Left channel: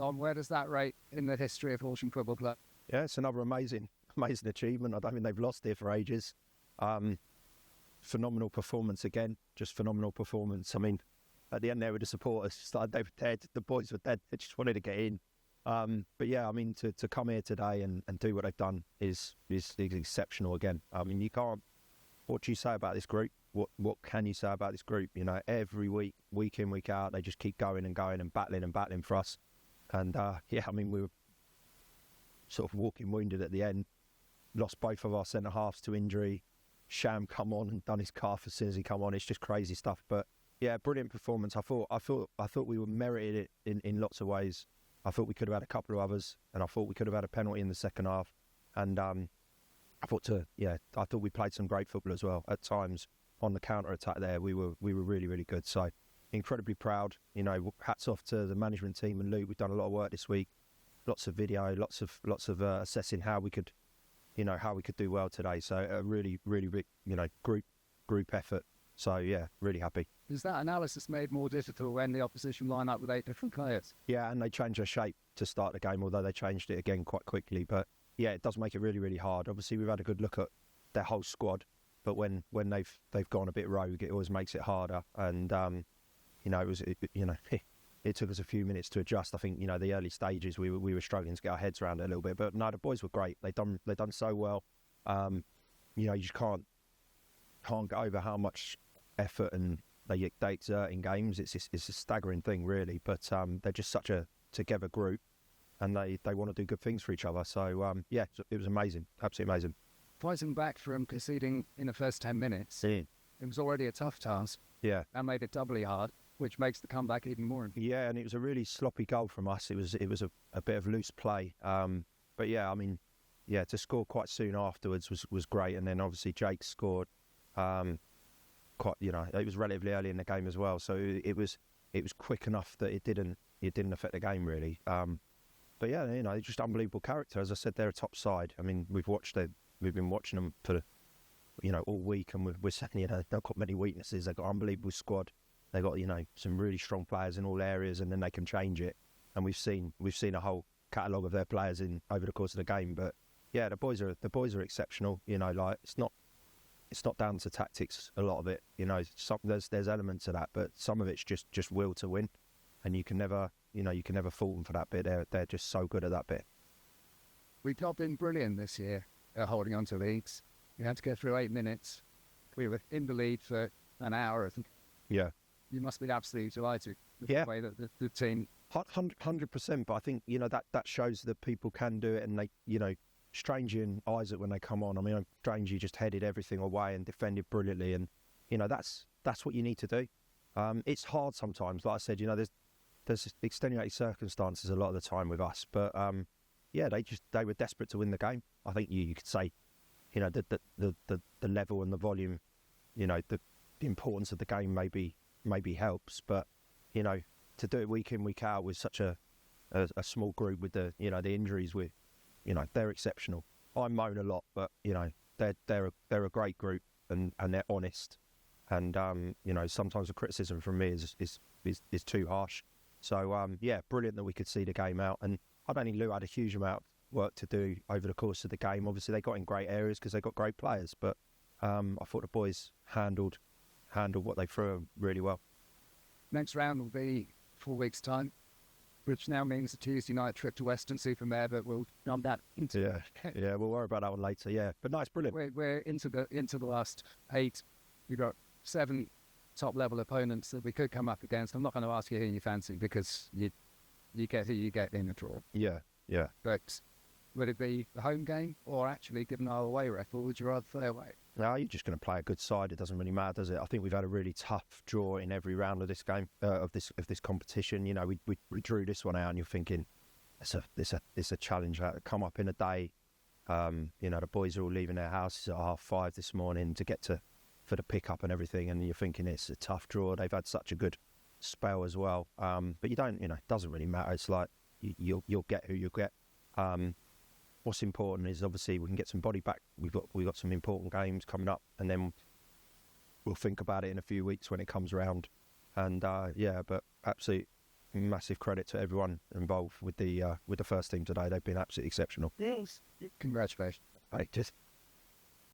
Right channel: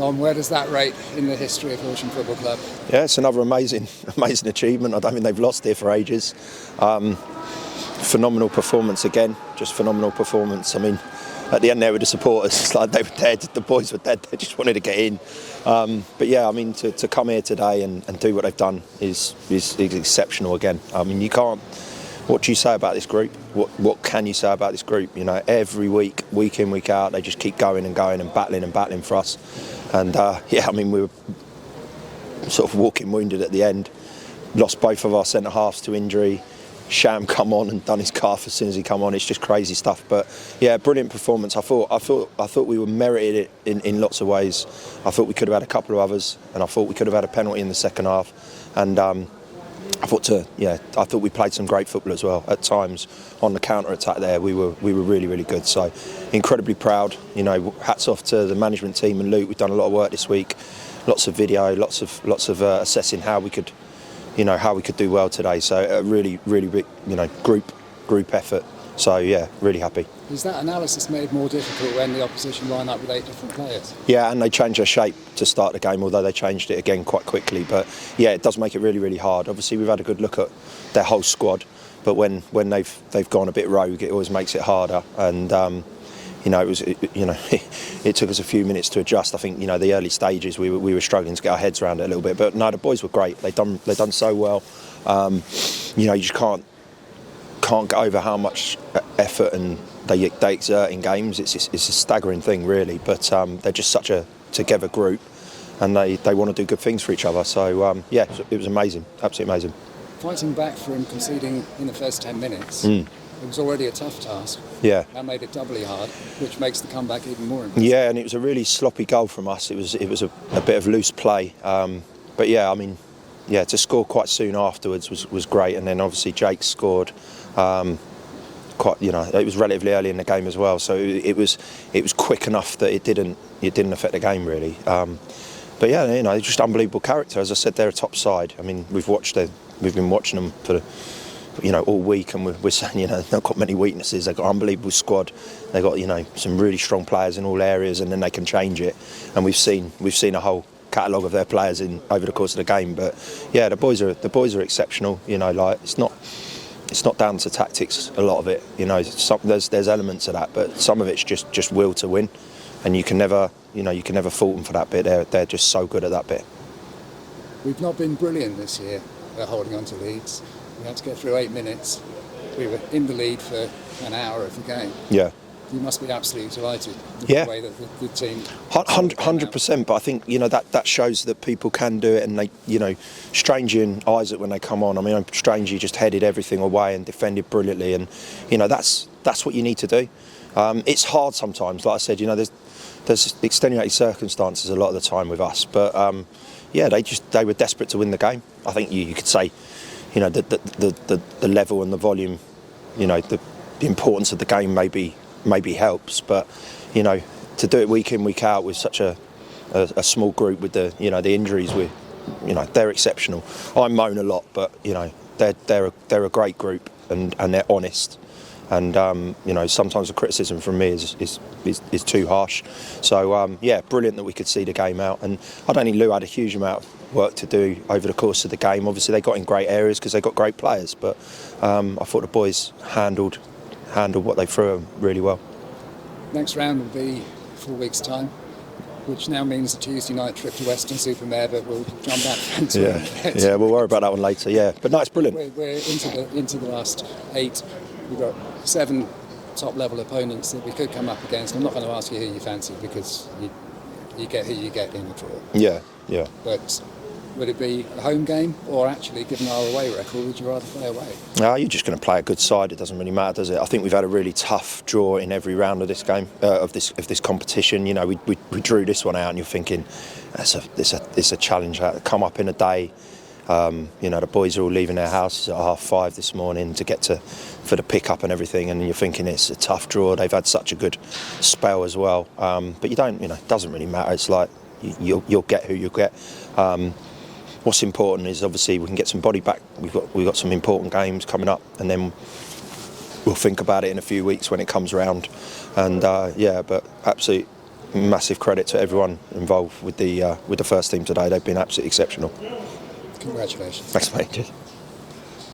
Dom, where does that rate in the history of Horsham Football Club? Yeah, it's another amazing achievement. I don't think they've lost here for ages. Phenomenal performance again, just phenomenal performance. I mean, at the end there with the supporters, it's like they were dead, the boys were dead, they just wanted to get in. But yeah, I mean, to come here today and do what they've done is exceptional again. I mean, you can't, what do you say about this group? What can you say about this group? You know, every week in, week out, they just keep going and battling for us. And yeah, I mean, we were sort of walking wounded at the end. Lost both of our centre halves to injury. Sham come on and done his calf as soon as he come on. It's just crazy stuff. But yeah, brilliant performance. I thought we were merited it in lots of ways. I thought we could have had a couple of others, and I thought we could have had a penalty in the second half. And I thought we played some great football as well. At times on the counter attack there, we were really good. So incredibly proud. You know, hats off to the management team and Luke. We've done a lot of work this week. Lots of video, lots of assessing how we could do well today. So a really big, group effort. So yeah, really happy. Is that analysis made more difficult when the opposition line up with 8 different players? Yeah, and they changed their shape to start the game, although they changed it again quite quickly. But yeah, it does make it really hard. Obviously, we've had a good look at their whole squad, but when they've gone a bit rogue, it always makes it harder. And it took us a few minutes to adjust. I think the early stages we were struggling to get our heads around it a little bit, but no, the boys were great. They've done so well. You just can't get over how much effort and they exert in games. It's a staggering thing, really. But they're just such a together group, and they want to do good things for each other. So yeah, it was amazing, absolutely amazing. Fighting back from conceding in the first 10 minutes. It was already a tough task. Yeah. That made it doubly hard, which makes the comeback even more impressive. Yeah, and it was a really sloppy goal from us. It was a bit of loose play. But yeah, I mean, yeah, to score quite soon afterwards was great. And then obviously Jake scored it was relatively early in the game as well. So it was quick enough that it didn't affect the game really. But yeah, just unbelievable character. As I said, they're a top side. I mean, we've been watching them for all week, and we're saying, they've not got many weaknesses. They've got an unbelievable squad. They've got, some really strong players in all areas, and then they can change it. And we've seen a whole catalogue of their players over the course of the game. But yeah, the boys are exceptional. It's not down to tactics. A lot of it, there's elements of that, but some of it's just will to win, and you can never fault them for that bit. They're just so good at that bit. We've not been brilliant this year at holding on to leads. We had to get through 8 minutes. We were in the lead for an hour of the game. Yeah. You must be absolutely delighted with the way that the team... 100%, but I think, that shows that people can do it, and they, Strangey and Isaac, when they come on, I mean, Strangey just headed everything away and defended brilliantly, and, that's what you need to do. It's hard sometimes, like I said, there's extenuating circumstances a lot of the time with us, but, yeah, they were desperate to win the game. I think you could say, the level and the volume, the importance of the game maybe helps, but to do it week in, week out with such a small group with the injuries, they're exceptional. I moan a lot, but they're a great group, and they're honest, and sometimes the criticism from me is too harsh. So yeah, brilliant that we could see the game out, and I don't think Lou had a huge amount of work to do over the course of the game. Obviously they got in great areas because they got great players, but I thought the boys handled what they threw them really well. Next round will be 4 weeks' time, which now means a Tuesday night trip to Weston-super-Mare, but we'll jump back into it. Yeah, we'll worry about that one later. Yeah, but no, it's brilliant. We're into the last 8. We've got 7 top-level opponents that we could come up against. I'm not going to ask you who you fancy, because you get who you get in the draw. Yeah. But would it be a home game, or actually, given our away record, would you rather play away? No, you're just going to play a good side. It doesn't really matter, does it? I think we've had a really tough draw in every round of this game, of this competition. We drew this one out, and you're thinking, it's a challenge. Come up in a day. The boys are all leaving their houses at 5:30 this morning to get for the pickup and everything, and you're thinking it's a tough draw. They've had such a good spell as well, but you don't. It doesn't really matter. It's like you'll get who you'll get. What's important is obviously we can get some body back. We've got some important games coming up, and then we'll think about it in a few weeks when it comes around. And yeah, but absolutely massive credit to everyone involved with the first team today. They've been absolutely exceptional. Congratulations. Thanks, mate.